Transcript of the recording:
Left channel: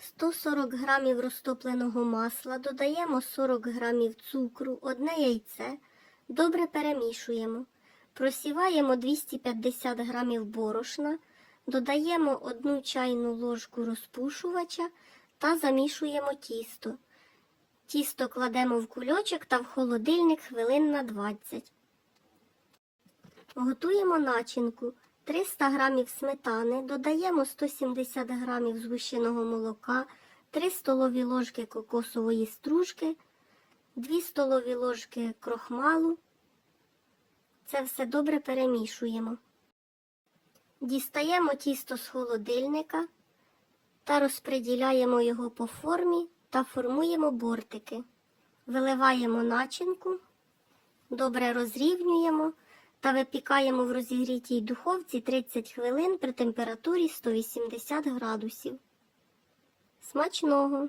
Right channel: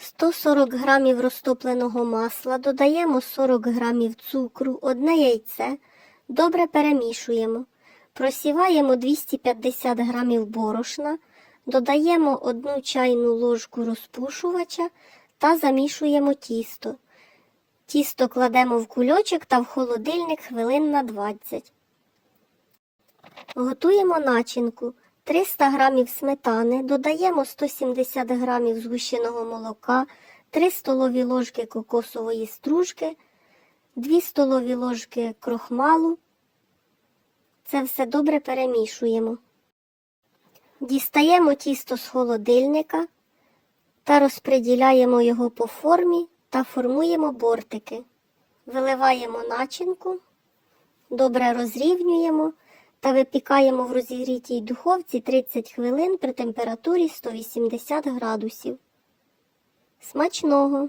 140 грамів розтопленого масла, додаємо 40 грамів цукру, одне яйце, добре перемішуємо. Просіваємо 250 грамів борошна, додаємо 1 чайну ложку розпушувача та замішуємо тісто. Тісто кладемо в кульочок та в холодильник хвилин на 20. Готуємо начинку. 300 грамів сметани, додаємо 170 грамів згущеного молока, 3 столові ложки кокосової стружки, 2 столові ложки крохмалу. Це все добре перемішуємо. Дістаємо тісто з холодильника та розподіляємо його по формі та формуємо бортики. Виливаємо начинку, добре розрівнюємо та випікаємо в розігрітій духовці 30 хвилин при температурі 180 градусів. Смачного!